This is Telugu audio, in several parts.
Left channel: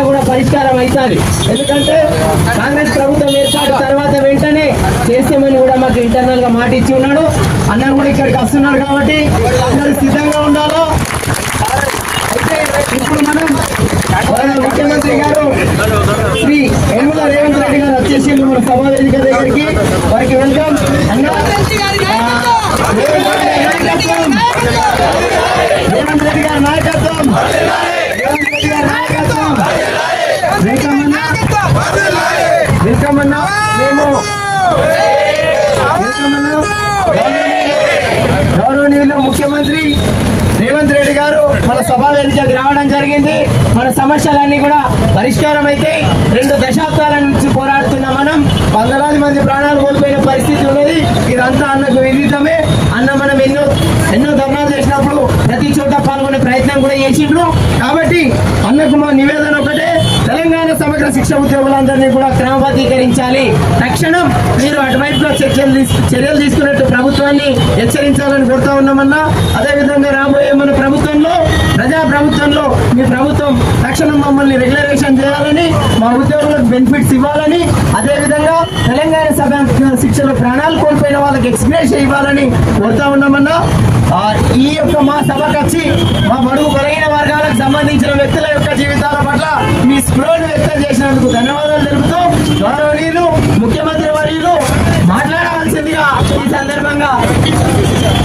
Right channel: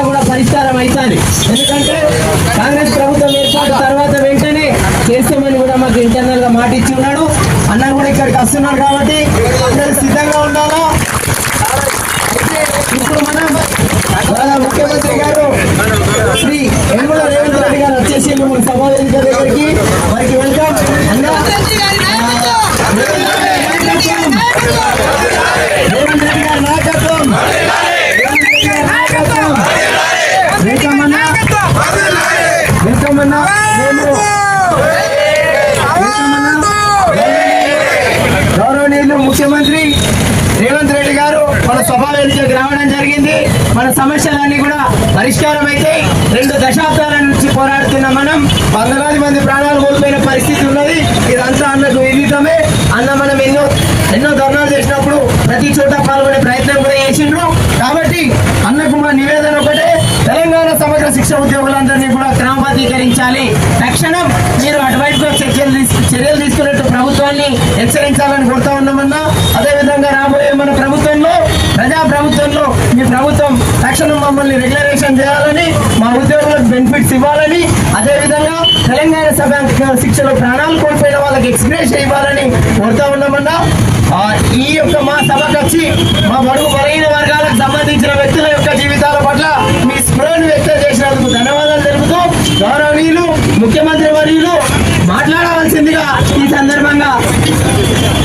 సమస్య కూడా పరిష్కారం అవుతుంది ఎందుకంటే కాంగ్రెస్ ప్రభుత్వం ఏర్పాటు తర్వాత వెంటనే చేస్తామని కూడా మాకు ఇంటర్నల్గా మాట ఇచ్చి ఉన్నాడు. అన్న కూడా ఇక్కడికి వస్తున్నారు కాబట్టి అందరూ సిద్ధంగా ఉండాలో? ఇప్పుడు మనం పోరాడుతున్న మనం వందలాది మంది ప్రాణాలు కోల్పోయిన పరిస్థితి ఉన్నది. ఇదంతా అన్నకు విదితమే అన్న మనం ఎన్నో ఎన్నో ధర్నాలు చేసినప్పుడు ప్రతి చోట పాల్గొనే ప్రయత్నం కూడా చేసిండ్రు. కాబట్టి అన్నకు మా నివేదన ఒకటే తెలంగాణ సమగ్ర శిక్ష ఉద్యోగులందరినీ కూడా క్రమబద్ధీకరించాలి. తక్షణం మీరు అటువైపుగా చర్యలు చర్యలు తీసుకున్నట్టు ప్రభుత్వాన్ని హెచ్చరించాలని కోరుతా ఉన్నామన్నా. అదేవిధంగా రాబోయే మన ప్రభుత్వంలో ప్రజా ప్రభుత్వంలో మీ ప్రభుత్వం తక్షణం మమ్మల్ని రెగ్యులరేషన్ చేయాలని బెనిఫిట్స్ ఇవ్వాలని అదేవిధంగా తెలంగాణ సభ శిక్షలో ప్రాణాలు కోల్పోయిన వాళ్ళకి ఎక్స్ప్రెస్ ఇవ్వాలని కోరుతా ఉన్నామన్నా ఈ యొక్క మా సభకు వచ్చి మా బడుగు బలహీన వర్గాలకు సంబంధించిన వ్యక్తుల యొక్క జీవితాల పట్ల మీ స్పృహను వ్యక్తం చేసినందుకు ధన్యవాదాలు తెలుపుతూ గౌరవనీయులు ముఖ్యమంత్రి వర్యులు మాట్లాడవలసిందిగా ఈ సందర్భంగా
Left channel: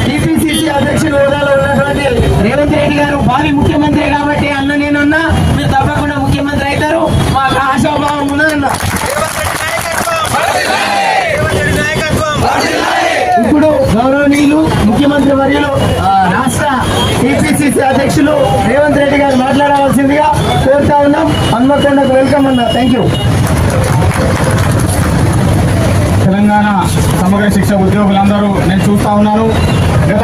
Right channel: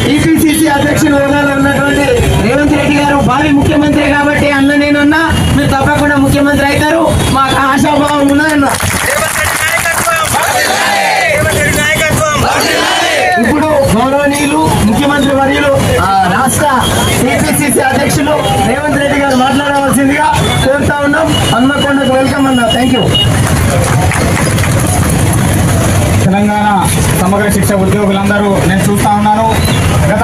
టీపీసీసీ అధ్యక్షులు హోదాలో ఉన్నటువంటి రేవంత్ రెడ్డి గారు భావి ముఖ్యమంత్రి గారు కోరుతా ఉన్నాం. హన్మకొండకు వెల్కమ్ అన్న. థ్యాంక్ యూ తెలంగాణ సమగ్ర శిక్ష ఉద్యోగులందరూ నేను చూస్తా ఉన్నాను. గత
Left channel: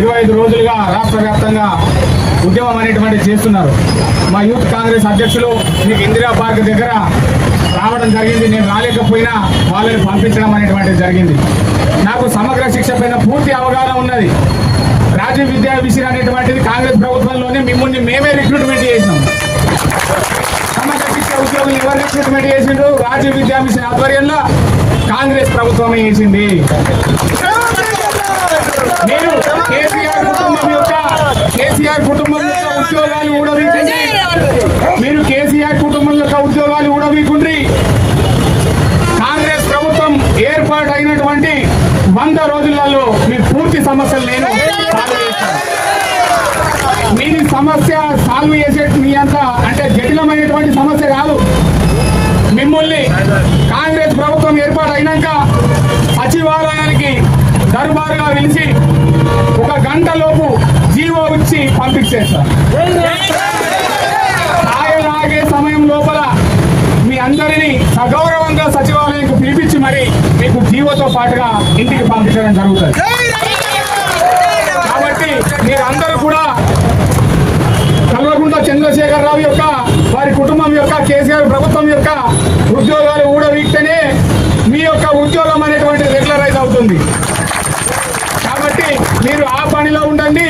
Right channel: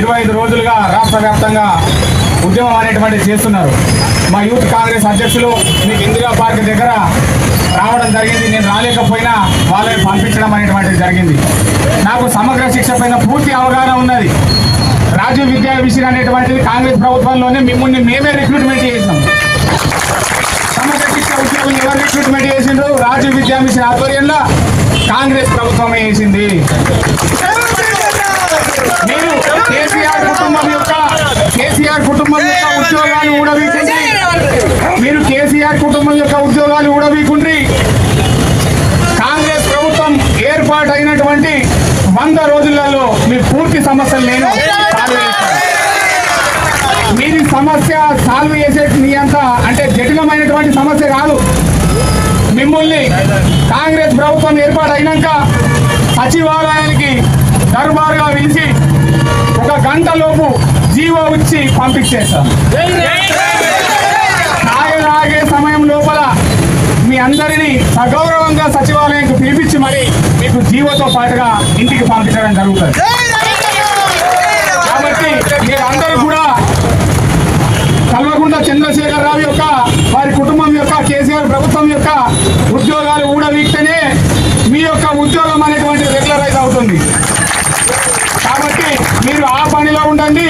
ఇరవై ఐదు రోజులుగా రాష్ట్ర వ్యాప్తంగా ఉద్యమం అనేటువంటి చేస్తున్నారు. మా యూత్ కాంగ్రెస్ అధ్యక్షులు మీకు ఇందిరా పార్క్ దగ్గర రావడం జరిగింది. నేను రాలేకపోయినా వాళ్ళని పంపించడం అనేటువంటిది జరిగింది. నాకు సమగ్ర శిక్ష పైన పూర్తి అవగాహన ఉన్నది. రాజీవ్ విద్యా విషయం అనేటువంటిది కాంగ్రెస్ ప్రభుత్వంలోనే మిమ్మల్ని మేమే రిక్రూట్మెంట్ చేసినాం. సమగ్ర శిక్ష ఉద్యోగులు ఎవరు రిక్రూట్మెంట్ చేసిండ్రు? రాజీవ్ విద్యా మిషన్ ఆధ్వర్యంలో కాంగ్రెస్ ప్రభుత్వమే చేసింది మీరు కేసీఆర్ కుటుంబం యొక్క కేసీఆర్ కుటుంబం యొక్క ఉద్యోగాలు ఊడవీకుండ్రి మీరు కేసీఆర్ కుటుంబం యొక్క ఉద్యోగాలు ఊడవీకుండ్రి కాంగ్రెస్ ప్రభుత్వం ఏర్పాటు అయినటువంటి వంద రోజులలో మీ పూర్తి సమస్యలు నేను సమస్య సాల్వ్ చేసే మీ అంత అంటే జటిలమైనటువంటి సమస్య కాదు. మిమ్మల్ని కాంగ్రెస్ ప్రభుత్వం ఏర్పాటైనాక సచివాలయానికి దర్బారుగా పిలిచి ఒక గంటలోపు జీవో ఇచ్చి పంపించేస్తాం ఆగే సమయం లోపల మీ అందరినీ సగౌరవంగా సచివాలయానికి పిలిపించి మరి మీకు జీవోతో పాటుగా ఇంటికి పంపించడం జరుగుతుంది కాబట్టి మీరందరూ కూడా కల్వకుంట్ల చంద్రశేఖర్ రావు యొక్క వారి కుటుంబం యొక్క కేసీఆర్ ప్రభుత్వం యొక్క ఉద్యోగాలు ఊడవీక్తేనే మీ యొక్క ఉద్యోగం అనేటువంటి రెగ్యులరైజ్ అవుతుంది. కాబట్టి మీరు ఆ పనిలో ఉండండి.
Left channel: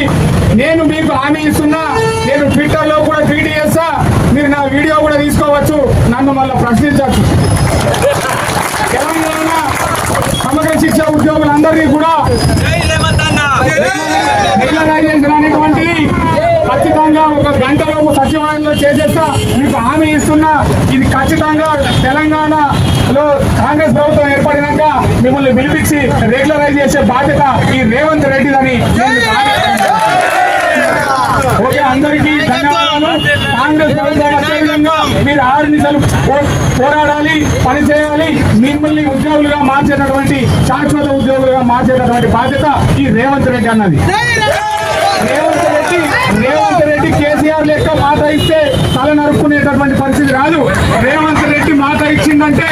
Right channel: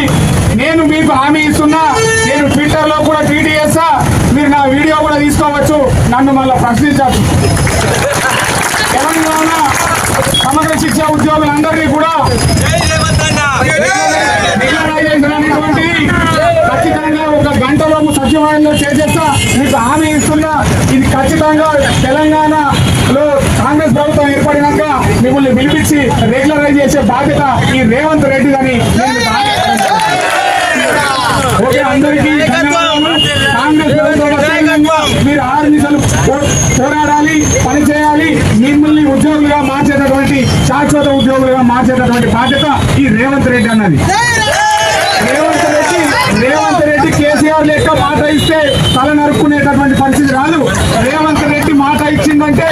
నేను మీకు హామీ ఇస్తున్నా. నేను ట్విట్టర్లో కూడా ట్వీట్ చేస్తా. మీరు నా వీడియో కూడా తీసుకోవచ్చు. నన్ను మళ్ళీ ప్రశ్నించవచ్చు. తెలంగాణ సమగ్ర శిక్ష ఉద్యోగులందరినీ కూడా రెగ్యులరైజేషన్ అనేటువంటిది ఖచ్చితంగా ఒక గంటలోపు సచివాలయంలో చేసేస్తా. మీకు హామీ ఇస్తున్నా. ఇది ప్రభుత్వం ఏర్పడినాక మిమ్మల్ని పిలిపించి రెగ్యులరైజ్ చేసే బాధ్యత ఈ రేవంత్ రెడ్డిదని ఓకే అందరికీ కాంగ్రెస్ మీరు ఆరు నిమిషాలు పోరాడాలి పనిచేయాలి మిమ్మల్ని ఉద్యోగులుగా మార్చేటటువంటి శాశ్వత ఉద్యోగులుగా మార్చేటటువంటి బాధ్యత ఈ రేవంత్ రెడ్డి అన్నది రేవంత్ రెడ్డి రేవంత్ రెడ్డి కేసీఆర్ లెక్క మాట ఇస్తే తల నరుక్కునేటటువంటి పరిస్థితి రాదు రేవంత్ రెడ్డి మాట ఇచ్చిందంటే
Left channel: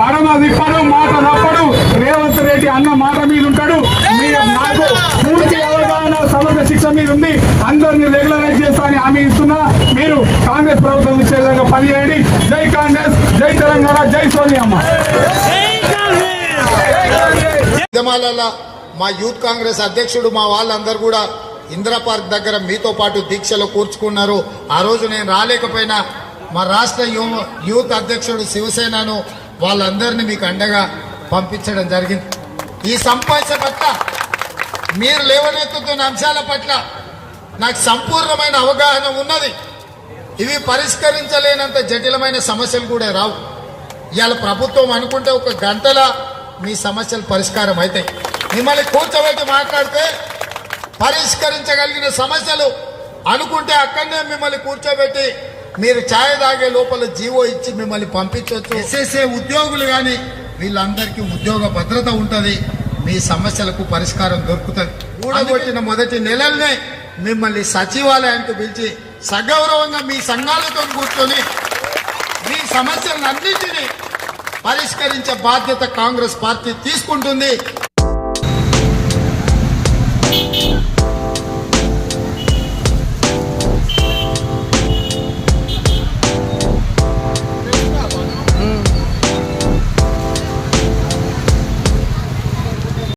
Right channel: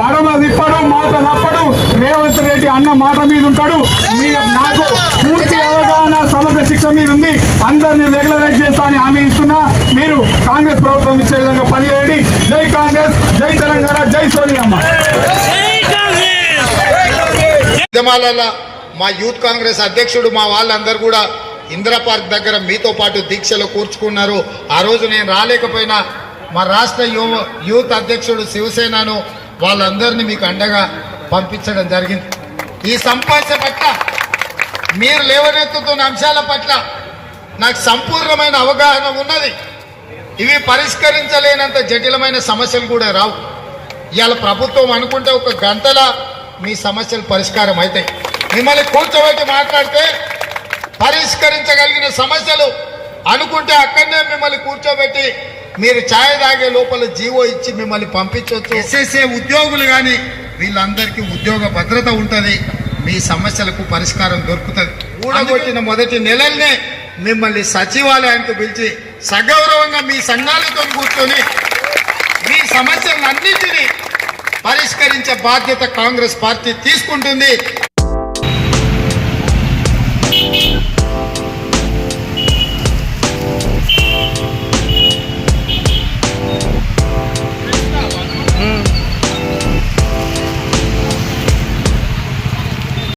మడమ విప్పడం మాట తప్పడు రేవంత్ రెడ్డి అన్న మాట మీద ఉంటాడు మీరు నాకు పూర్తి అవగాహన సమగ్ర శిక్ష మీద ఉంది అందరినీ రెగ్యులరైజ్ చేస్తానని హామీ ఇస్తున్నా మీరు కాంగ్రెస్ ప్రభుత్వం ఇచ్చే విధంగా పనిచేయండి జై కాంగ్రెస్ జై తెలంగాణ జై సోనియమ్మ ఉద్యమాలలో మా యూత్ కాంగ్రెస్ అధ్యక్షుడు మా వాళ్ళందరూ కూడా ఇందిరా పార్క్ దగ్గర మీతో పాటు దీక్షలో కూర్చుకున్నారు. ఆ రోజు నేను రాలేకపోయినా మా రాష్ట్ర యూత్ అధ్యక్షుడు శివసేనను వాళ్ళందరినీ మీకు అండగా పంపించడం జరిగింది. ఈ సంపాష పట్ల మీరు లేవనెత్తుతున్న అంశాల పట్ల నాకు సంపూర్ణమైన అవగాహన ఉన్నది. ఇవి పరిష్కరించలేనంత జటిలమైన సమస్యలు కూడా రావు. ఇవాళ ప్రభుత్వం అనుకుంటే ఒక గంటల మీ సమస్యలు పరిష్కారం అవుతాయి మిమ్మల్ని కూర్చోబెట్టి మాట్లాడితే పరిష్కరించగలిగిన సమస్యలు అనుకుంటే అక్కడనే మిమ్మల్ని కూర్చోబెట్టి మీరు ఛాయ్ తాగే లోపల జీవో ఇచ్చి మిమ్మల్ని పంపించవచ్చు ఎస్ఎస్ఏ ఉద్యోగులు కానీ వీళ్ళందరికీ ఉద్యోగ భద్రత ఉంటుంది. మీ సమస్యలకు పరిష్కారం దొరుకుతుంది. ఊడగొట్టిన మొదటి నెలల్నే మిమ్మల్ని సచివాలయానికి పిలిచి సగౌరవంగా మీ సంఘాలతో కూర్చొని మీ సమస్యలన్నింటినీ పరిష్కరించే బాధ్యత కాంగ్రెస్ పార్టీ తీసుకుంటుంది.